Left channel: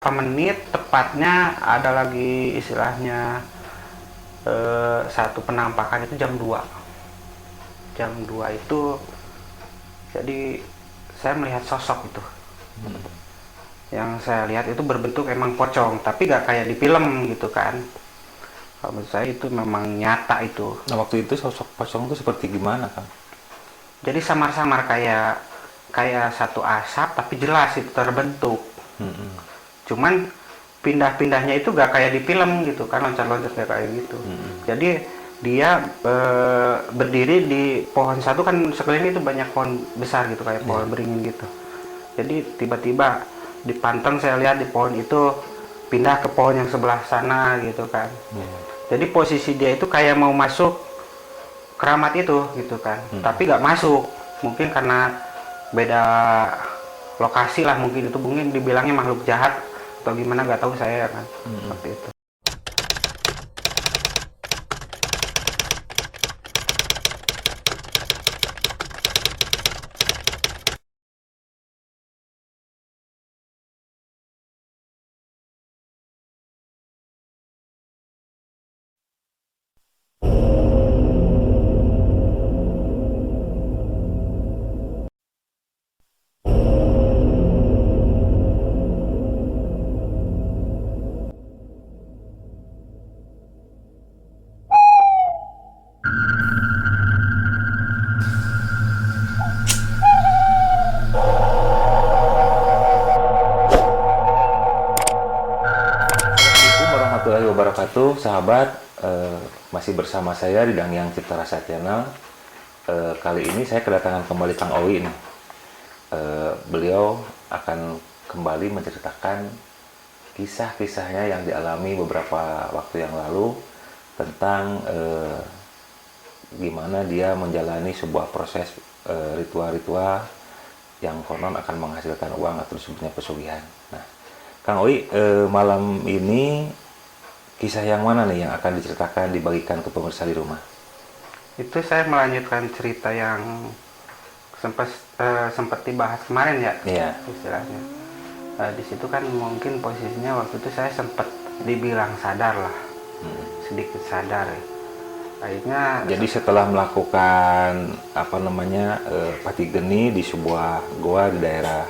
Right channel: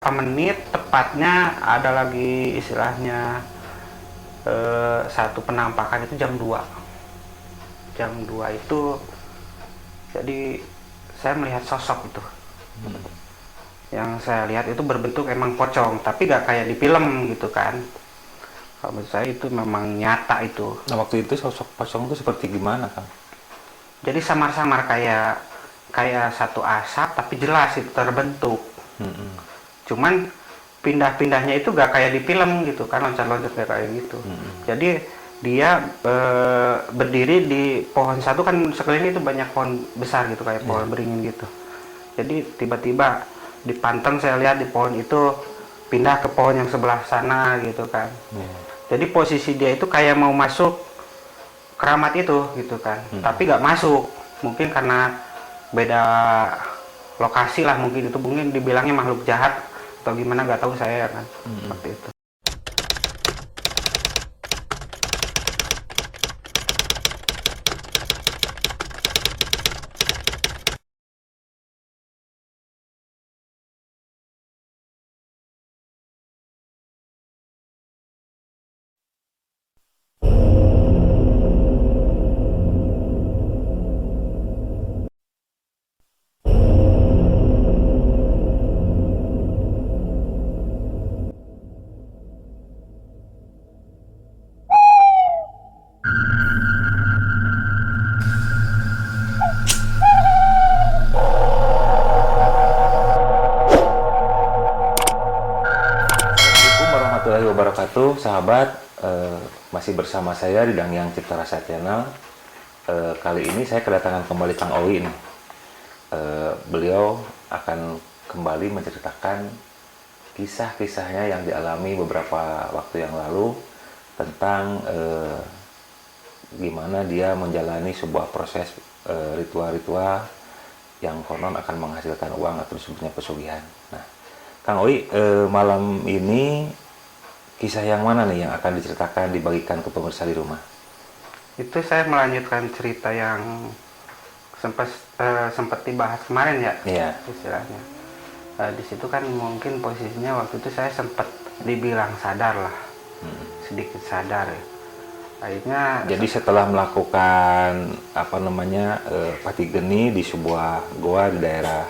menit tepatnya ada lagi istilahnya satu penampakan itu jam 2 itu, jadi saya melihat sosok itu. Yang saya lihat itu berbentuk emang pocong, tapi gak kayak di film gitu kan. Kalau menurut saya itu memang nyata itu. Nah, waktu itu sosok kosong itu seperti gimana, Kang? Jadi samar-samar kayak kayak satu asap, tapi jelas itu terbentuk. Mm-mm. Cuman pindah-pindahnya itu gak kayak di film gitu kan, loncat-loncat kayak gitu. Mm-mm. Jadi dia berdiri di pohon satu, kan sekeliling itu banyak pohon besar gitu kayak pohon Yeah. beringin gitu. Jadi tiba-tiba dipanteng, saya lihat di pohon itu pindah ke pohon yang sebelah sana gitu kan. Yeah. Jadi posisi dia itu kayak mau masuk keramat itu gitu kan, Mm-mm. tapi gak masuk. Mungkin karena beda lokasi lah, mungkin itu mungkin dibilangnya makhluk jahat atau gimana, nggak tahu saya kan. Mm-mm. Seperti itu. Assalamualaikum warahmatullahi wabarakatuh, sahabat. Masih bersama saya di Dangyang Cipta Rasa Channel. Kali ini saya kedatangan kembali Kang Owi nih. Beliau akan kembali menceritakan kisah-kisahnya yang dialami beberapa waktu yang lalu tentang gimana dia menjalani sebuah proses ritual-ritual yang konon akan menghasilkan uang atau disebutnya pesugihan. Nah, Kang Oi, malam ini kisah yang mana nih yang akan diceritakan, dibagikan ke pemirsa di rumah? Itu saya melanjutkan cerita yang sempat sempat dibahas kemarin ya, Iya. istilahnya. Di situ kan mungkin posisinya waktu itu saya sempat dibilang sadar lah, sedikit sadar ya. Akhirnya Jadi setelah melakukan apa namanya pati geni di sebuah goa di daerah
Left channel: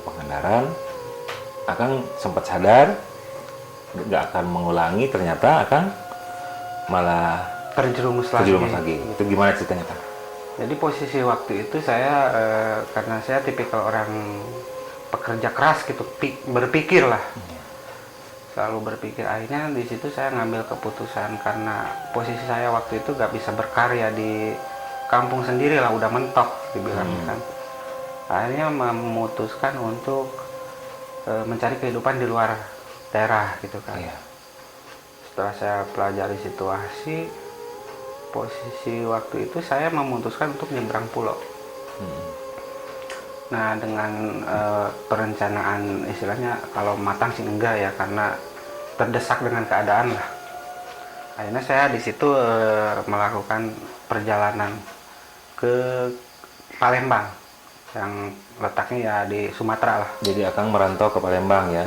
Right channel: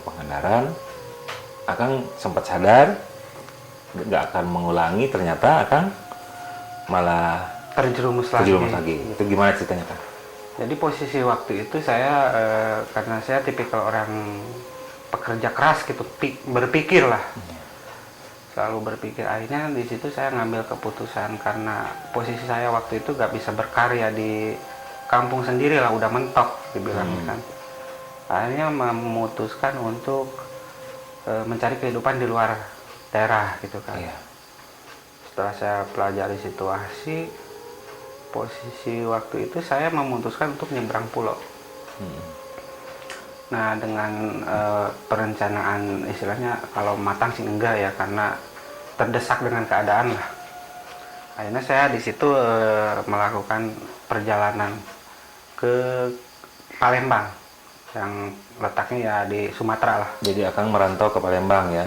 Pangandaran, Akang sempat sadar nggak akan mengulangi, ternyata Akang malah terjerumus terjerumus lagi. lagi. Itu gimana ceritanya, Kang? Jadi posisi waktu itu saya karena saya tipikal orang pekerja keras gitu, berpikir lah, selalu berpikir. Akhirnya di situ saya ngambil keputusan, karena posisi saya waktu itu gak bisa berkarya di kampung sendiri lah, udah mentok dibilangnya kan. Akhirnya memutuskan untuk mencari kehidupan di luar daerah gitu kan. Iya. Setelah saya pelajari situasi, posisi waktu itu saya memutuskan untuk nyebrang pulau. Nah, dengan perencanaan istilahnya kalau matang sih enggak ya, karena terdesak dengan keadaan lah. Akhirnya saya di situ melakukan perjalanan ke Palembang yang letaknya ya di Sumatera lah. Jadi Akang merantau ke Palembang ya.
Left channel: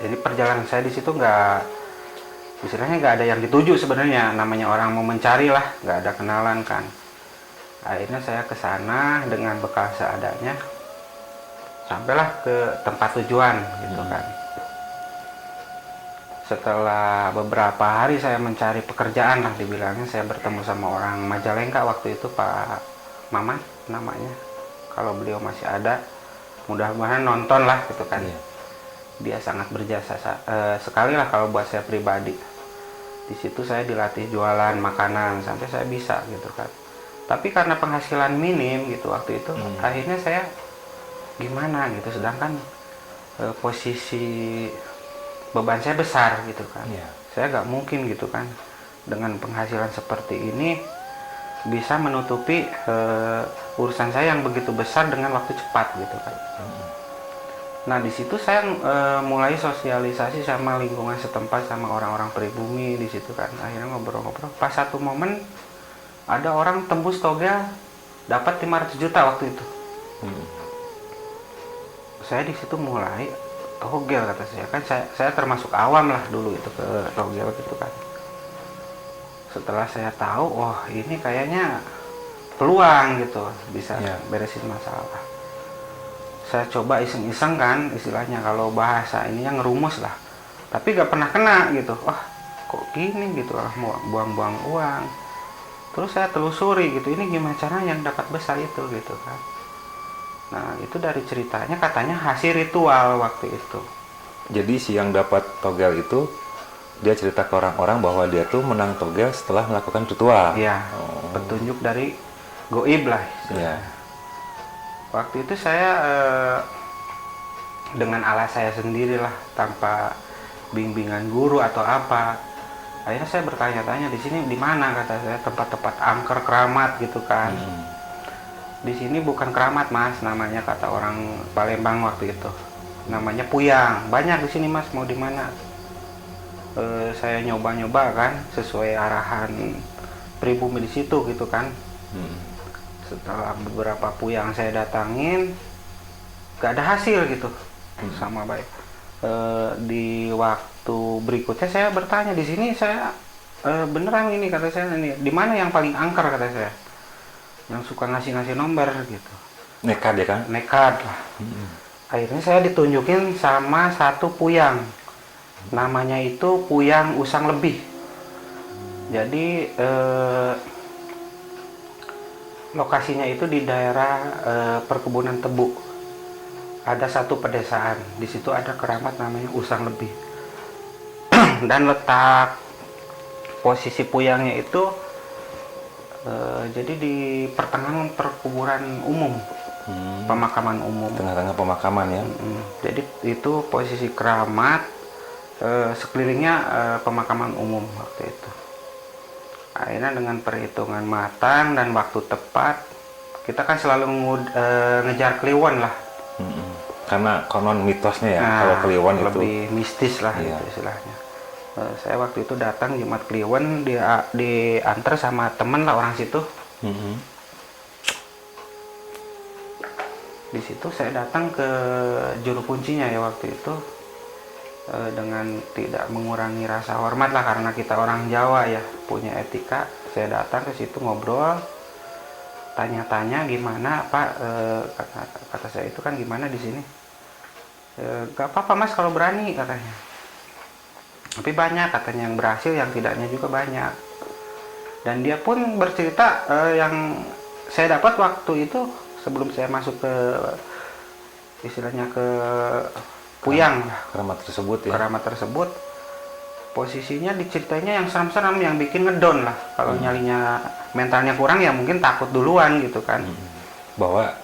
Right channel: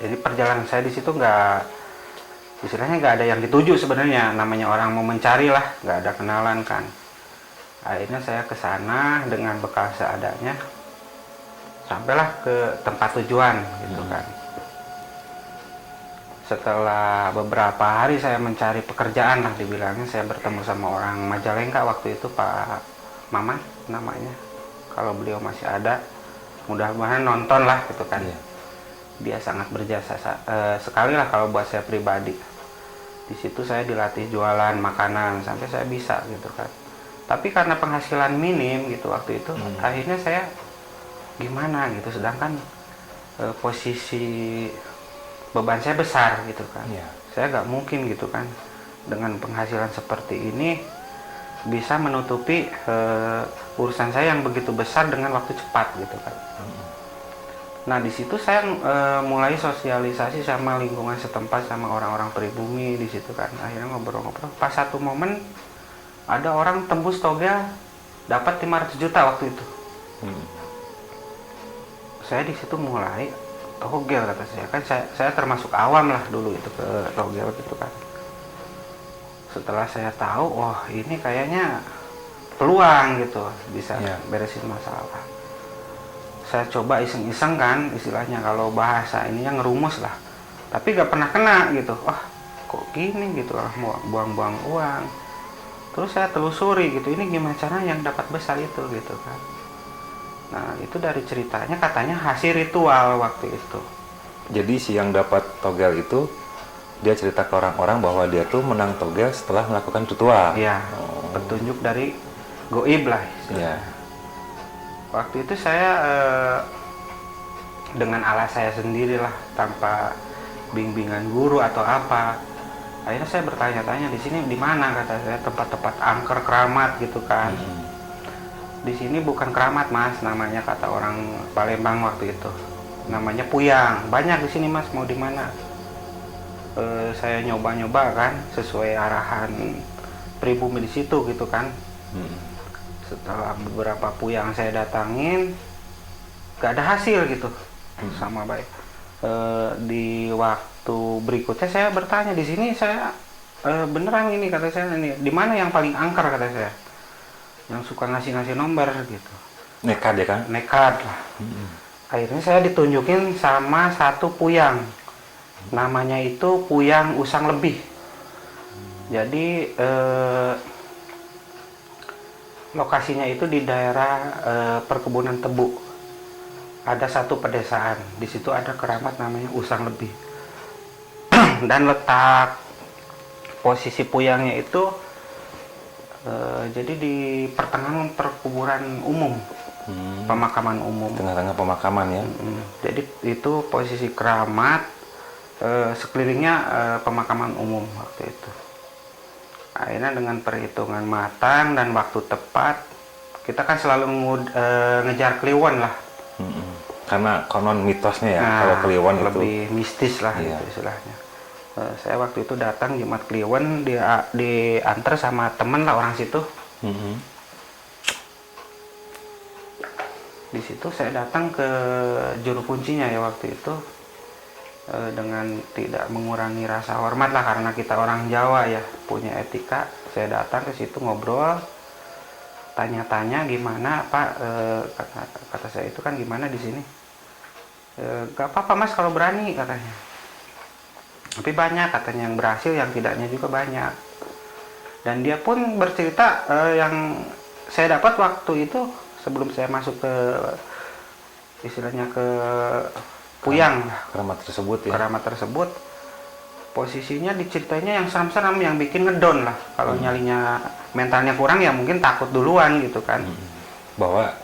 Jadi perjalanan saya di situ nggak, istilahnya nggak ada yang dituju sebenarnya, namanya orang mau mencari lah, nggak ada kenalan kan. Akhirnya saya ke sana dengan bekal seadanya, sampailah ke tempat tujuan gitu kan. Setelah beberapa hari saya mencari pekerjaan lah dibilangnya, saya bertemu sama orang Majalengka waktu itu, Pak Maman namanya. Kalau beliau masih ada, mudah-mudahan nonton lah gitu kan. Iya. Dia sangat berjasa sekali lah kalau buat saya pribadi. Di situ saya dilatih jualan makanan sampai saya bisa gitu kan. Tapi karena penghasilan minim gitu waktu itu, akhirnya saya gimana gitu, sedangkan posisi beban saya besar gitu kan. Iya. Saya nggak mungkin gitu kan dengan penghasilan seperti ini bisa menutupi urusan saya yang begitu besar dengan waktu cepat gitu kan. Nah, di situ saya mulai sosialisasi sama lingkungan setempat, sama orang-orang pribumi di situ kan. Akhirnya ngobrol-ngobrol. Pas satu momen ada orang tembus toga dapat 500 juta waktu itu. saya di situ mulai togel kata saya. Kan saya termasuk awam lah dulu itu ke togel gitu kan. Setelah saya tahu, wah ini kayaknya peluang gitu, bisa beresin masalah. Saya coba iseng-iseng kan, istilahnya kalau bahasa ininya ngerumus lah. Tapi gak pernah kena gitu. Wah kok gini gitu lah, mau buang-buang uang. Terus saya telusuri gitu, ini gimana cara yang dapat besar itu gitu kan. Nah itu dari ceritanya katanya hasil ritual waktu itu. Jadi si yang dapat togel itu dia cerita ke orang-orang bahwa dia tuh menang togel setelah melakukan ritual. Iya, petunjuk dari goib lah. Iya. Waktu itu saya dengan alat saya sendiri lah, tanpa bimbingan guru atau apa. Akhirnya saya bertanya-tanya, di sini di mana kata saya, tempat-tempat angker keramat gitu kan. Di sini bukan keramat mas, namanya kata orang Palembang waktu itu. Namanya puyang. Banyak di sini mas, mau di mana? Saya nyoba-nyoba kan, sesuai arahan pribumi di situ gitu kan. Setelah beberapa puyang saya datangin, gak ada hasil gitu, sama baik. Di waktu berikutnya saya bertanya, di sini saya beneran ini kata saya, ini di mana yang paling angker kata saya, yang suka ngasih nomor gitu. Nekat ya kan? Nekat lah. Akhirnya saya ditunjukin sama satu puyang, namanya itu puyang usang lebih. Jadi lokasinya itu di daerah perkebunan tebu. Ada satu pedesaan, di situ ada keramat namanya usang lebih. Dan letak posisi puyangnya itu jadi di pertengahan perkuburan umum, pemakaman umum. Tengah-tengah pemakaman ya. Jadi itu posisi keramat, sekelilingnya pemakaman umum waktu itu. Akhirnya dengan perhitungan matang dan waktu tepat, kita kan selalu ngejar kliwon lah. Karena konon mitosnya ya, kalau kliwon itu lebih mistis lah gitu istilahnya. Saya waktu itu datang Jumat Kliwon, dia diantar sama temen lah orang situ. Di situ saya datang ke juru kuncinya ya waktu itu, dengan tidak mengurangi rasa hormat lah, karena kita orang Jawa ya, punya etika. Saya datang ke situ ngobrol, tanya-tanya gimana Pak, kata saya itu kan gimana di sini. Gak apa-apa mas kalau berani katanya, tapi banyak katanya yang berhasil, yang tidaknya juga banyak. Dan dia pun bercerita yang saya dapat waktu itu sebelum saya masuk ke istilahnya ke puyang keramat tersebut ya. Keramat tersebut posisinya diceritanya yang seram-seram, yang bikin ngedon lah. Kalau nyalinya mentalnya kurang ya mungkin takut duluan gitu kan. Bahwa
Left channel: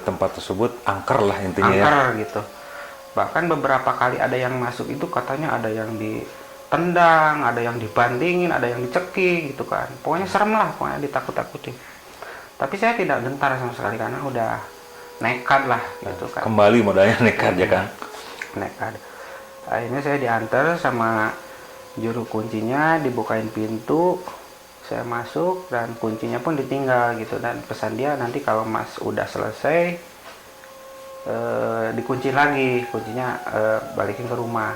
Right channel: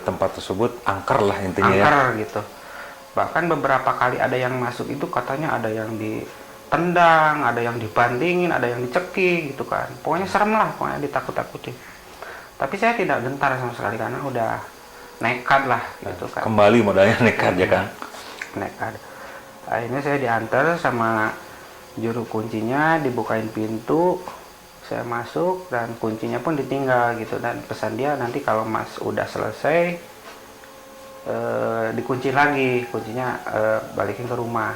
tempat tersebut angker lah intinya angker gitu. Bahkan beberapa kali ada yang masuk itu katanya ada yang ditendang, ada yang dibandingin, ada yang dicekik gitu kan. Pokoknya serem lah, pokoknya ditakut-takutin. Tapi saya tidak gentar sama sekali karena udah nekat lah gitu kan. Kembali modalnya nekat ya kan. Nekat. Akhirnya saya diantar sama juru kuncinya, dibukain pintu, saya masuk dan kuncinya pun ditinggal gitu. Dan pesan dia nanti kalau mas udah selesai dikunci lagi, kuncinya balikin ke rumah.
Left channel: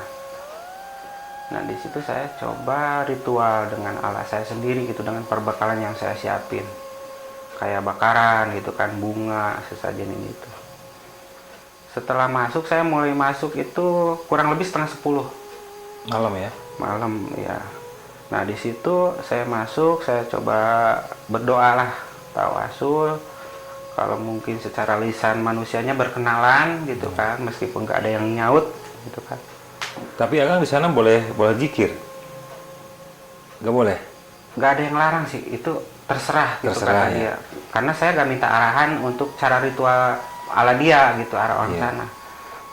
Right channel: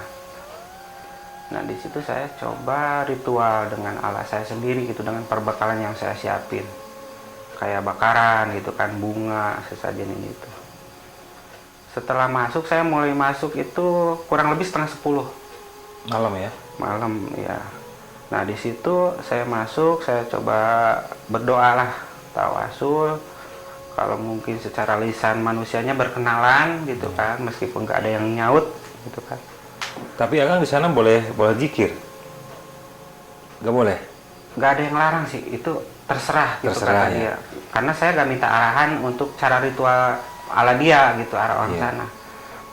Nah di situ saya coba ritual dengan alat saya sendiri gitu, dengan perbekalan yang saya siapin, kayak bakaran gitu kan, bunga, sesajen ini itu. Setelah masuk, saya mulai masuk itu kurang lebih 9:30 malam ya. Malam ya. Nah di situ saya masuk, saya coba berdoa lah, tawasul. Kalau mungkin secara lisan manusianya berkenalan gitu kan, meskipun nggak ada yang nyaut gitu kan. Tapi Akang di sana boleh zikir? Nggak boleh? Nggak ada yang larang sih, itu terserah gitu Terserah, kata ya. dia. Karena saya nggak minta arahan untuk cara ritual ala dia gitu, arah orang sana.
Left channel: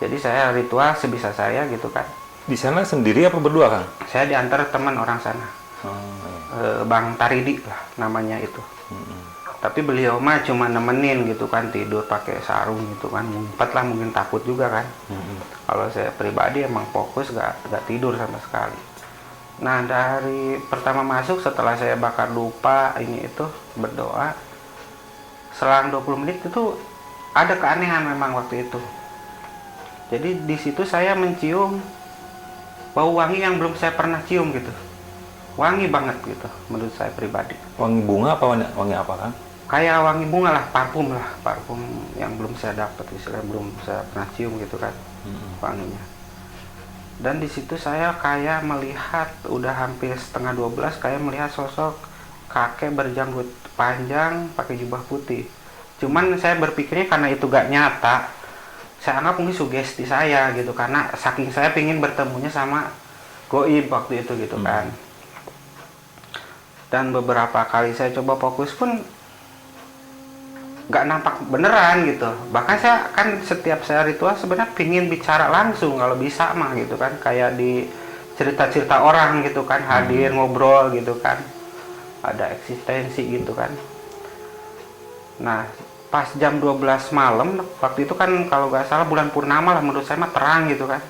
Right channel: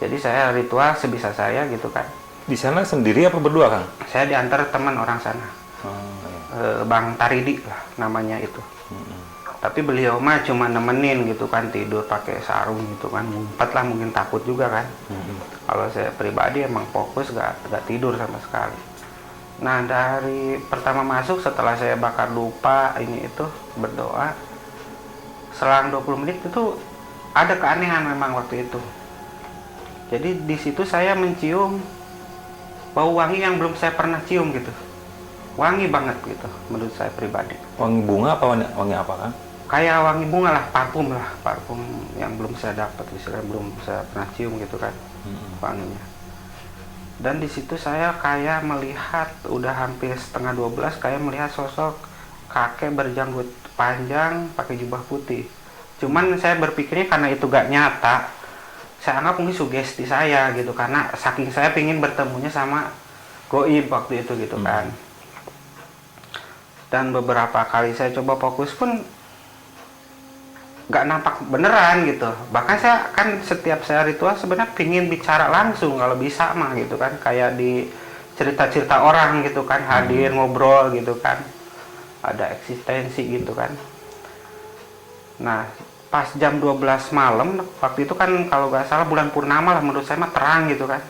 Jadi saya ritual sebisa saya gitu kan. Di sana sendiri apa berdua Kang? Saya diantar teman orang sana, Bang Taridi lah namanya itu. Tapi beliau mah cuma nemenin gitu kan, tidur pakai sarung gitu kan, ngumpet lah, mungkin takut juga kan. Kalau saya pribadi emang fokus, gak tidur sama sekali. Nah dari pertama masuk, setelah saya bakar dupa ini itu berdoa, selang 20 menit itu ada keanehan memang waktu itu. Jadi di situ saya mencium bau wangi yang belum saya pernah cium gitu. Wangi banget gitu menurut saya pribadi. Wangi bunga apa wangi apa kan? Kayak wangi bunga lah, parfum yang belum saya dapat, istilahnya belum saya pernah cium gitu kan, wanginya. Dan di situ saya kayak melihat udah hampir setengah 12, kayak melihat sosok kakek berjanggut panjang pakai jubah putih. Cuman saya berpikirnya karena itu gak nyata, saya anggap mungkin sugesti saya gitu, karena saking saya pingin bertemunya sama goib waktu itu gitu kan. Dan beberapa kali saya coba fokus pun nggak nampak beneran gitu. Bahkan saya kan setiap saya ritual sebenarnya pingin bicara langsung kalau bisa mah gitu kan, kayak di cerita-cerita orang gitu kan, hadir ngobrol gitu kan, ada eksistensi gitu kan. Nah pas jam 12 malam waktu itu kan, kalau nggak salah bulan purnama lah, menurut saya mah terang gitu kan.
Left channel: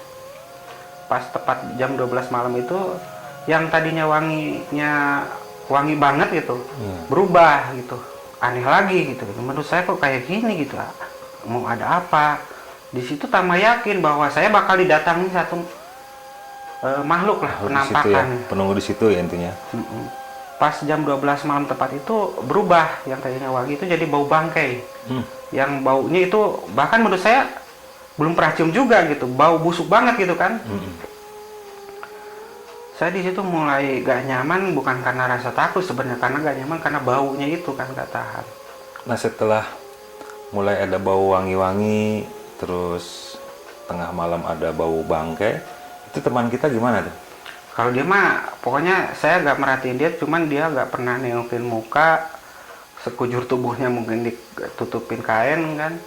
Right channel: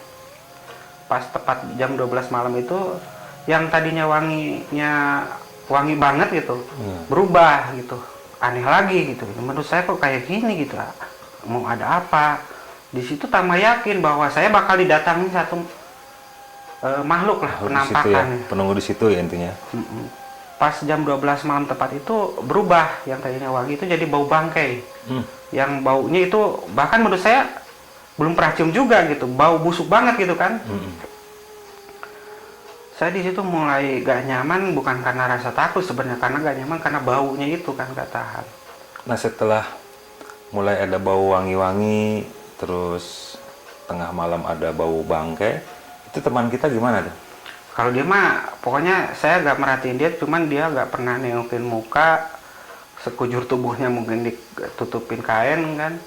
Pas tepat jam 12 malam itu, yang tadinya wangi banget gitu berubah gitu, aneh lagi gitu. Menurut saya kok kayak gini gitu, mau ada apa di situ. Tambah yakin bahwa saya bakal didatangi satu makhluk lah, penampakan ya, penunggu di situ ya intinya. Pas jam 12 malam tepat itu berubah, yang tadinya wangi itu jadi bau bangkai. Yang baunya itu bahkan menurut saya belum pernah cium juga gitu, bau busuk banget gitu kan. Saya di situ mulai gak nyaman, bukan karena rasa takut sebenarnya, karena gak nyaman karena baunya itu kan gak tahan. Nah setelah mulai ada bau wangi-wangi, terus tengah malam ada bau bangkai, itu teman kita gimana tuh? Kalau dia mah pokoknya saya gak merhatiin dia, cuman dia gak pernah nengokin muka, sekujur tubuhnya mungkin ditutupin kain kan.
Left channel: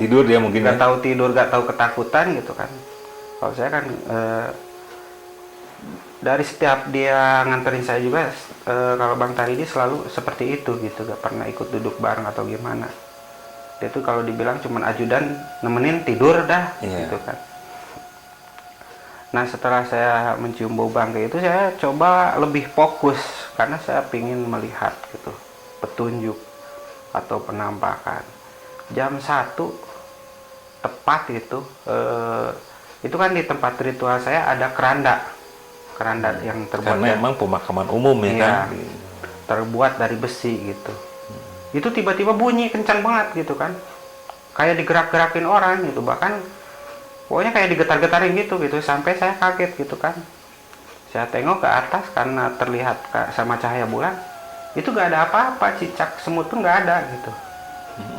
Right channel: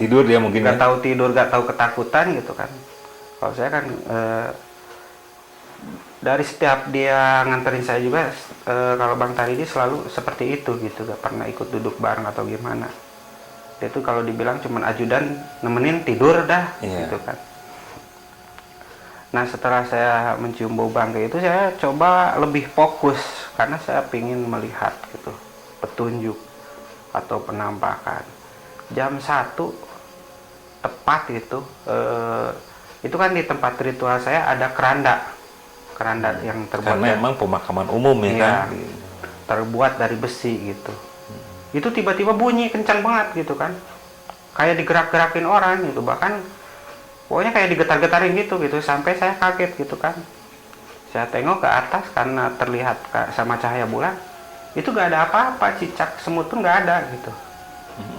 Tidur dia mungkin gak tahu tidur, gak tahu ketakutan gitu kan. Kalau saya kan dari setiap dia nganterin saya juga, kalau Bang Taridi selalu seperti itu gitu, gak pernah ikut duduk bareng atau gimana. Dia tuh kalau dibilang cuman ajudan nemenin tidur dah gitu kan. Nah setelah saya mencium bau bangkai itu, saya coba lebih fokus karena saya pingin melihat gitu petunjuk atau penampakan. Jam 1 tepat gitu, itu kan di tempat ritual saya ada keranda yang terbuat karena emang pemakaman umum ya kan, terbuat dari besi gitu. Itu tiba-tiba bunyi kencang banget gitu kan, kayak digerak-gerakin orang gitu, bahkan pokoknya kayak digetar-getarin gitu sampai saya kaget gitu kan. Saya tengok ke atas karena terlihat sama cahaya bulan, itu gak ada apa-apa, cicak semut pun gak ada gitu.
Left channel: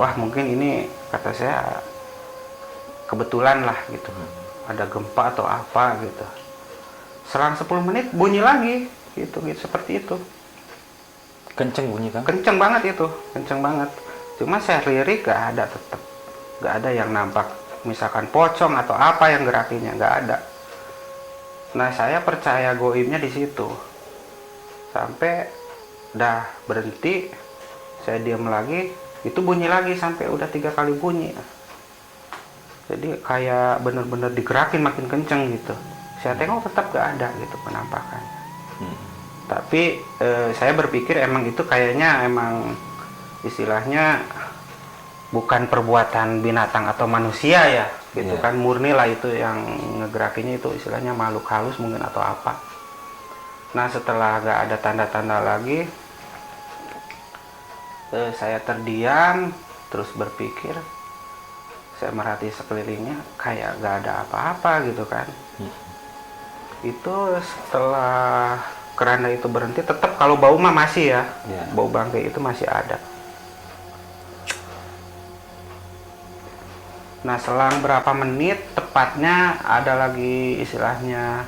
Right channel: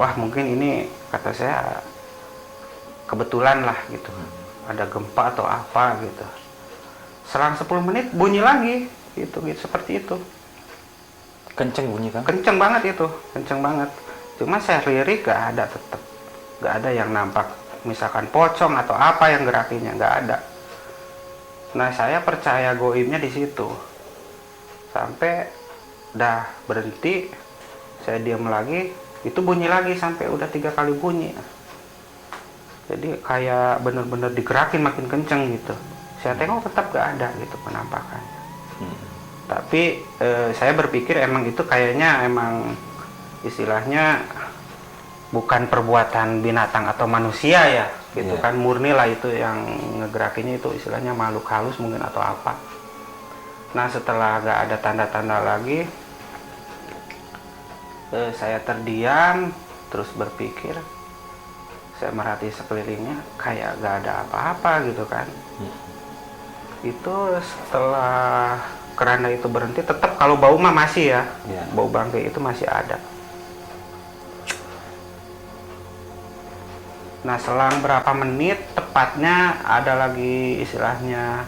Wah mungkin ini, kata saya, kebetulan lah gitu, ada gempa atau apa gitu. Selang 10 menit bunyi lagi gitu seperti itu. kenceng bunyi kan? Kenceng banget itu, kenceng banget. Cuma saya lirik gak ada, tetap gak ada yang nampak misalkan pocong atau apa yang gerakinnya, gak ada. Nah saya percaya goibnya di situ. Sampai udah berhenti, saya diam lagi, itu bunyi lagi sampai udah 3 kali bunyi. Jadi kayak bener-bener digerakin makin kenceng gitu. Saya tengok tetap gak ada gitu penampakan. Tapi saya berpikir emang itu kayaknya emang istilahnya bukan perbuatan binatang atau manusia ya gitu kan, murni lah itu yang ngegerakinnya, itu istilahnya makhluk halus mungkin atau apa. Nah setelah gak ada tanda-tanda lagi, saya terdiam terus berpikir, saya merhati sekelilingnya kayak gak ada apa-apa gitu kan. Itu setelah keranda itu berhenti, tetap kalau bau mah masih ya, bau bangkai itu masih ada. Nah selang berapa menit tepatnya ada lagi istilahnya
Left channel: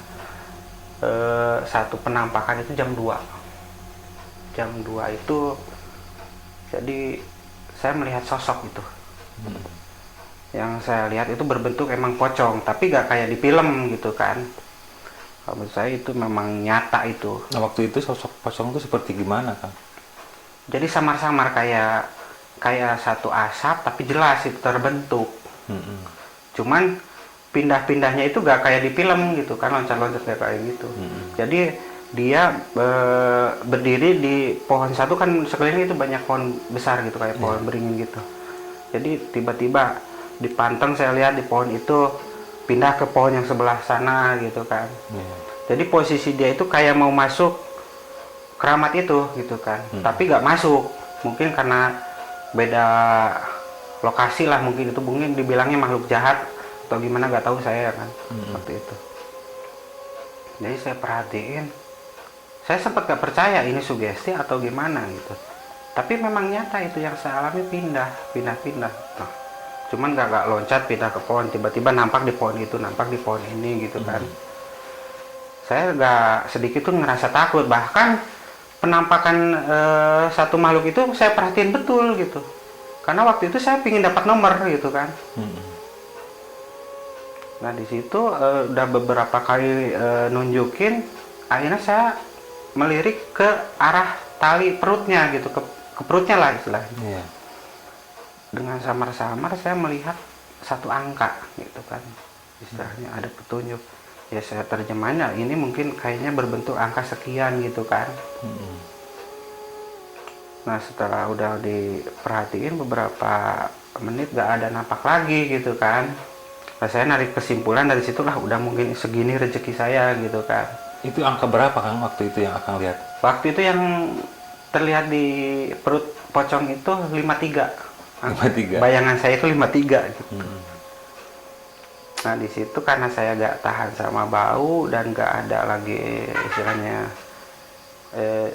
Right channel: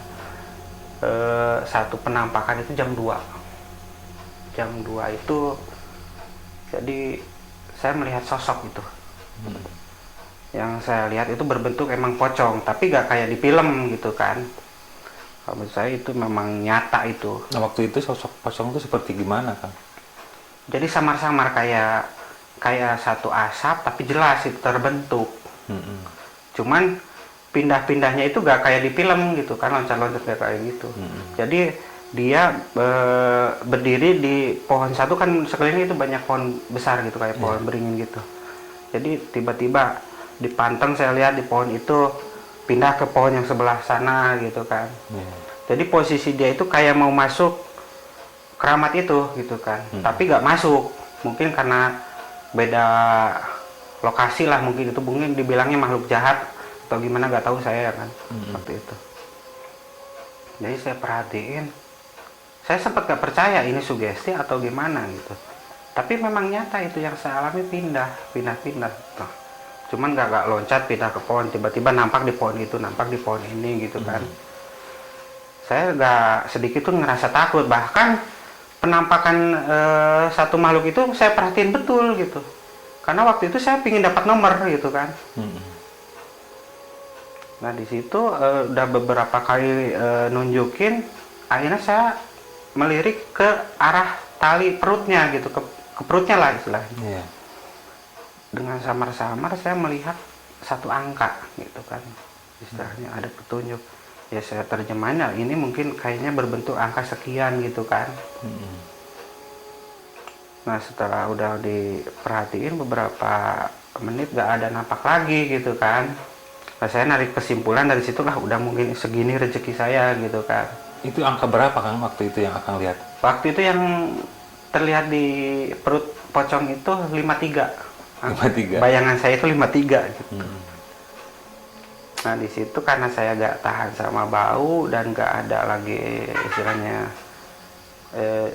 satu penampakan, itu jam 2 itu. Jadi saya melihat sosok itu, yang saya lihat itu berbentuk emang pocong, tapi gak kayak di film gitu kan. Menurut saya itu memang nyata itu. Nah waktu itu sosok pocong itu seperti gimana kan? Jadi samar-samar kayak satu asap, tapi jelas itu terbentuk. Cuman pindah-pindahnya itu gak kayak di film gitu kan, loncat-loncat kayak gitu. Jadi dia berdiri di pohon satu kan, sekeliling itu banyak pohon besar gitu, kayak pohon beringin gitu. Jadi tiba-tiba dipanteng, saya lihat di pohon itu pindah ke pohon yang sebelah sana gitu kan. Iya. Jadi posisi dia itu kayak mau masuk keramat itu gitu kan, tapi nggak masuk, mungkin karena beda lokasi lah, mungkin itu mungkin dibilangnya makhluk jahat atau gimana nggak tahu saya kan. Seperti itu. Jadi saya perhatiin, saya sempat nggak percaya ini sugesti atau gimana gitu, tapi memang nyata itu yang saya alami, pindah gitu. Cuman nggak loncat pindah ke pohon, tiba-tiba nampak di pohon itu, nampak di pohon ini gitu kan. Saya nggak sedikit tuh ngerasa takut, bahkan penampakan satu makhluk itu saya perhatiin betul gitu, karena waktu itu saya pingin dapat nomor gitu kan. Nah di situ udah beberapa kali nunjukin, akhirnya saya melirik ke arah tali perutnya gitu, ke perutnya lah istilahnya. Iya. Dengan samar-samar saya melihat satu angka gitu kan, istilahnya ada petunjuk. Ya saya terjemahnya ini mungkin kayaknya berbentuk angka sekian gitu kan. Nah setelah udah diperhatiin beberapa menit gak ada nampak lagi gitu kan. Nah saya narik kesimpulan dari situ lah, udah mungkin segini rezeki saya gitu kan. Itu angka berapa Kang waktu itu yang Akang lihat? Waktu itu yang terlihat di perut pocong itu 53. 53. Bayangan saya itu 53 gitu. Nah di situ karena saya gak tahan sama bau dan gak ada lagi istilahnya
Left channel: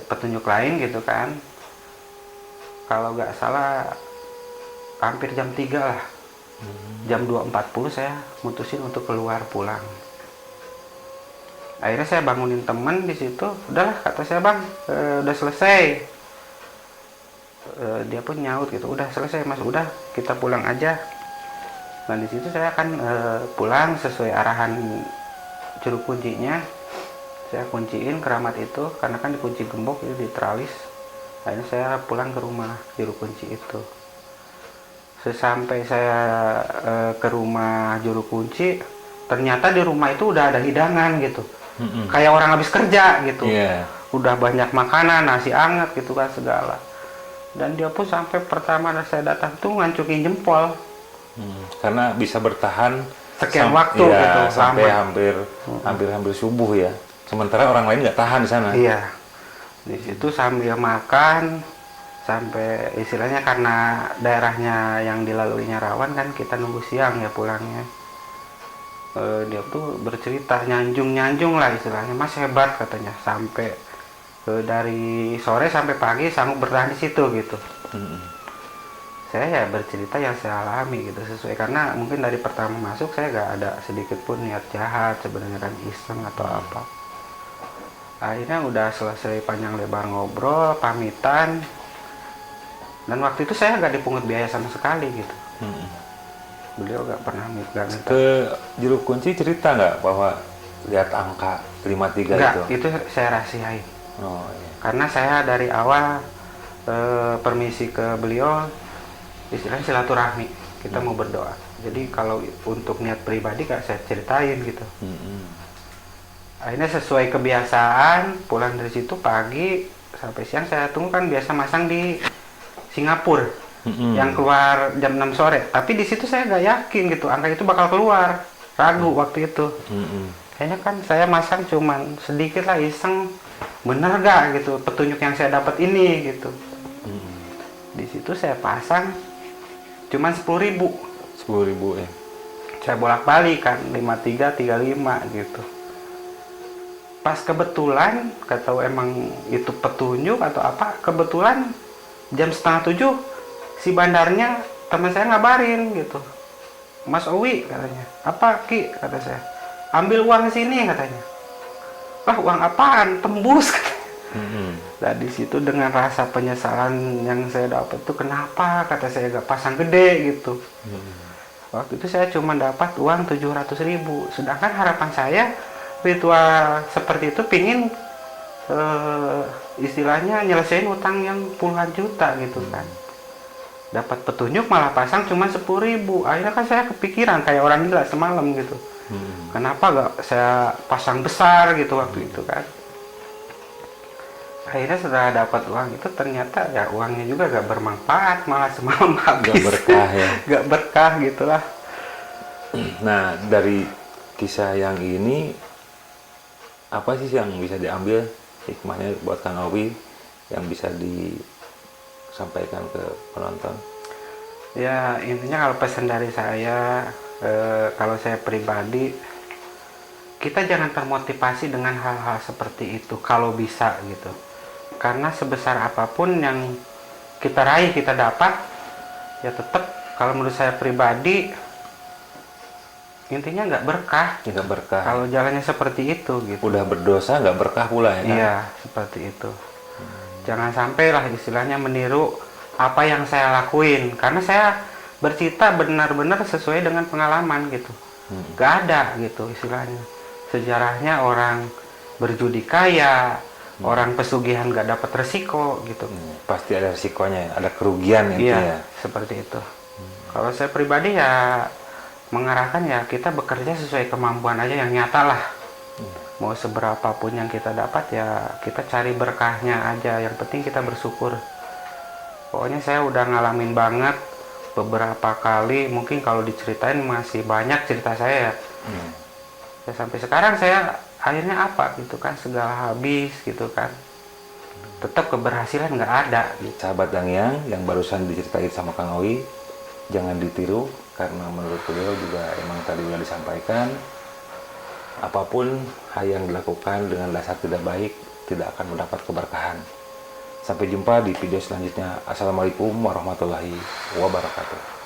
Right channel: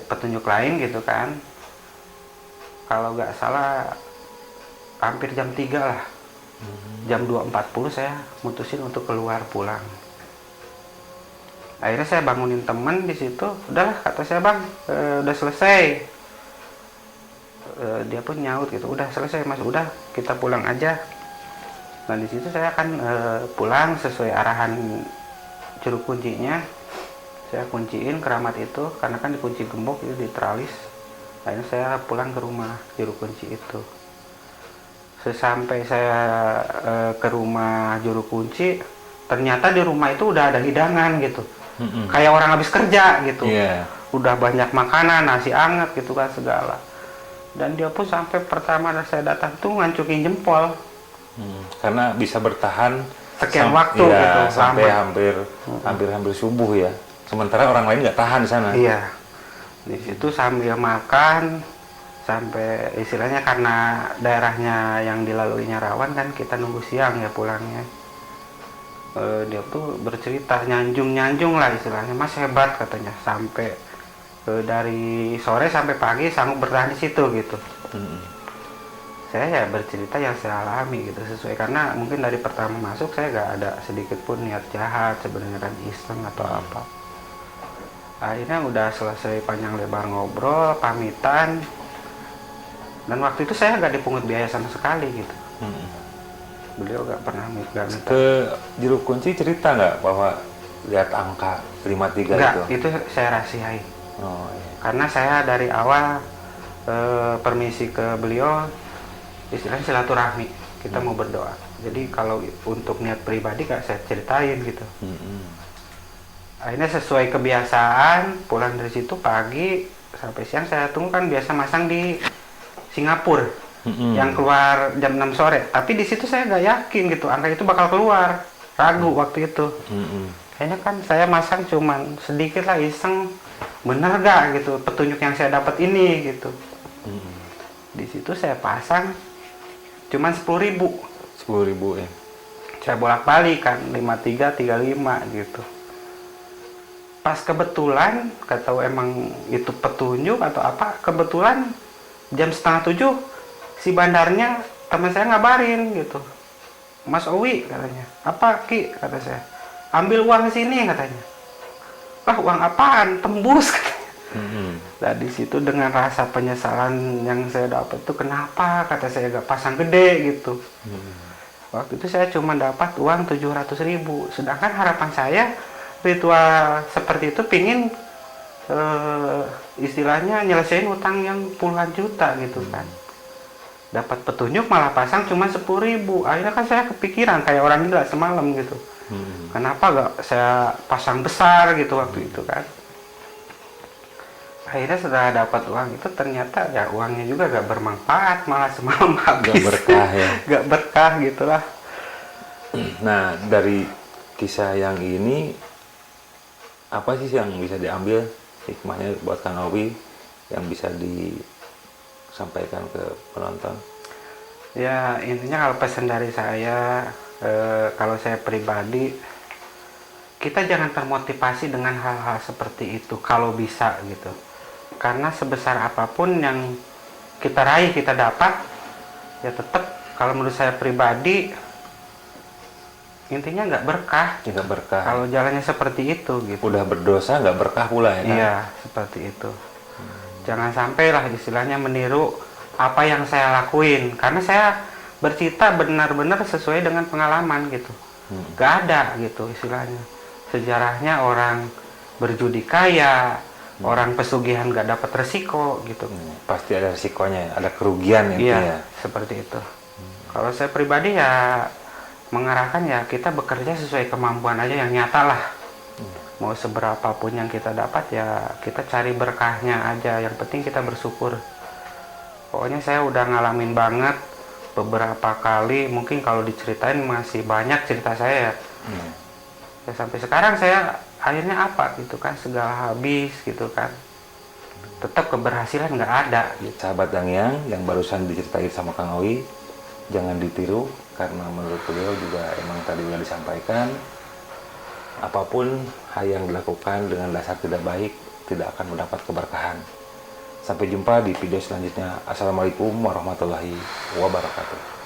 petunjuk lain gitu kan. Kalau gak salah hampir jam 3 lah. Jam 2.40 saya mutusin untuk keluar pulang. Akhirnya saya bangunin teman di situ, udahlah kata saya, bang udah selesai. Dia pun nyaut gitu, udah selesai mas, udah kita pulang aja. Nah di situ saya akan pulang sesuai arahan juru kuncinya. Saya kunciin keramat itu, karena kan dikunci gembok itu di teralis. Akhirnya saya pulang ke rumah juru kunci itu. Sesampai saya ke rumah juru kunci, ternyata di rumah itu udah ada hidangan gitu. Kayak orang habis kerja gitu. Udah banyak makanan, nasi anget gitu kan segala. Dan dia pun sampai pertama saya datang tuh ngancukin jempol. Karena bisa bertahan sekian waktu ya, gitu, sampai lama. hampir subuh ya. Sementara orang lain nggak tahan di sana. Iya. Di situ sambil makan, sampai istilahnya karena daerahnya yang dilaluinya rawan kan, kita nunggu siang ya pulangnya. Dia tuh bercerita nyanjung lah istilahnya, mas hebat katanya, sampai dari sore sampai pagi sanggup bertahan di situ gitu. Saya ya bercerita yang saya alami gitu, sesuai, karena mungkin dari pertama masuk saya gak ada sedikit pun niat jahat sebenarnya, kan iseng atau apa. Akhirnya udah selesai panjang lebar ngobrol, pamitan, dan waktu itu saya gak dipungut biaya sama sekali gitu. Beliau gak pernah minta. Ke juru kunci cerita nggak bahwa lihat angka 53 enggak, itu? itu saya rahasiain. Karena saya dari awal permisi ke beliau, istilahnya silaturahmi, kita mau berdoa. Jadi kalau untuk niat pribadi gak saya ceritain gitu. Akhirnya sesuai kebiasaan, pulang dari situ pagi sampai siang saya tunggu, kan biasa masang di Singapura yang keluar jam 6 sore. Tapi di situ saya nggak yakin gitu angka itu bakal keluar, ragu waktu itu. Kayaknya kan saya masang cuman sedikit lah, iseng, bener gak gitu petunjuk yang saya dapat ini gitu. Di situ saya pasang cuman 10.000. 10.000 ya. Saya bolak-balik kan 53, 35 gitu. Pas kebetulan, gak tahu emang itu petunjuk atau apa, kebetulan jam 6:30 si bandarnya teman saya ngabarin gitu, Mas Owi katanya, apa Ki, kata saya, ambil uang sini katanya. Lah uang apaan, tembus. Nah di situ dengan rasa penyesalan yang saya dapat itu, kenapa kata saya gak pasang gede gitu. Waktu itu saya cuma dapat uang 700.000, sedangkan harapan saya ritual seperti itu pingin istilahnya nyelesain utang yang puluhan juta gitu kan. Dapat petunjuk malah pasang cuma 10.000. Akhirnya kan saya kepikiran kayak orang gila semalam gitu. Kenapa gak saya pasang besar gitu waktu itu kan. Akhirnya setelah dapat uang itu ternyata ya uangnya juga gak bermanfaat, malah semalam habis. Gak berkah ya. Gak berkah gitulah. Nah dari kisah yang ini apa sih yang bisa diambil hikmahnya buat Kang Owi yang bisa disampaikan ke penonton? Ya intinya kalau pesan dari saya, kalau saya pribadi, kita jangan termotivasi dengan hal-hal seperti itu kalau bisa gitu. Karena sebesar apapun yang kita raih, kita dapat, ya tetap kalau menurut saya pribadi intinya nggak berkah. Nggak berkah. Kalau jalannya seperti itu gitu. Udah berdosa nggak berkah pula ya kan? Iya, seperti itu. Jangan sampailah istilahnya meniru apa yang saya lakuin, karena saya bercerita benar-benar sesuai dengan pengalaman gitu. Gak ada gitu istilahnya sejarahnya orang berjudi kaya, orang pesugihan gak dapat resiko gitu. Pasti ada resikonya, ada kerugian intinya. Iya, seperti itu. Kalau saya pribadi ya mengarahkan ya kita bekerja sesuai kemampuan aja yang nyata lah. Mau seberapapun yang kita dapat ya kita cari berkahnya aja, yang penting kita bersyukur. Pokoknya saya udah ngalamin banget beberapa kali, mungkin kalau diceritain masih banyak cerita saya ya. Ya sampai sekarang saya akhirnya apa gitu kan, segala habis gitu kan, tetap keberhasilan nggak ada gitu. Sahabat Dangyang yang barusan diceritain sama Kang Owi jangan ditiru, karena menurut beliau juga emang tadi yang disampaikan, apapun hal yang dilakukan dengan dasar tidak baik tidak akan mendapat keberkahan. Sampai jumpa di video selanjutnya. Assalamualaikum warahmatullahi wabarakatuh.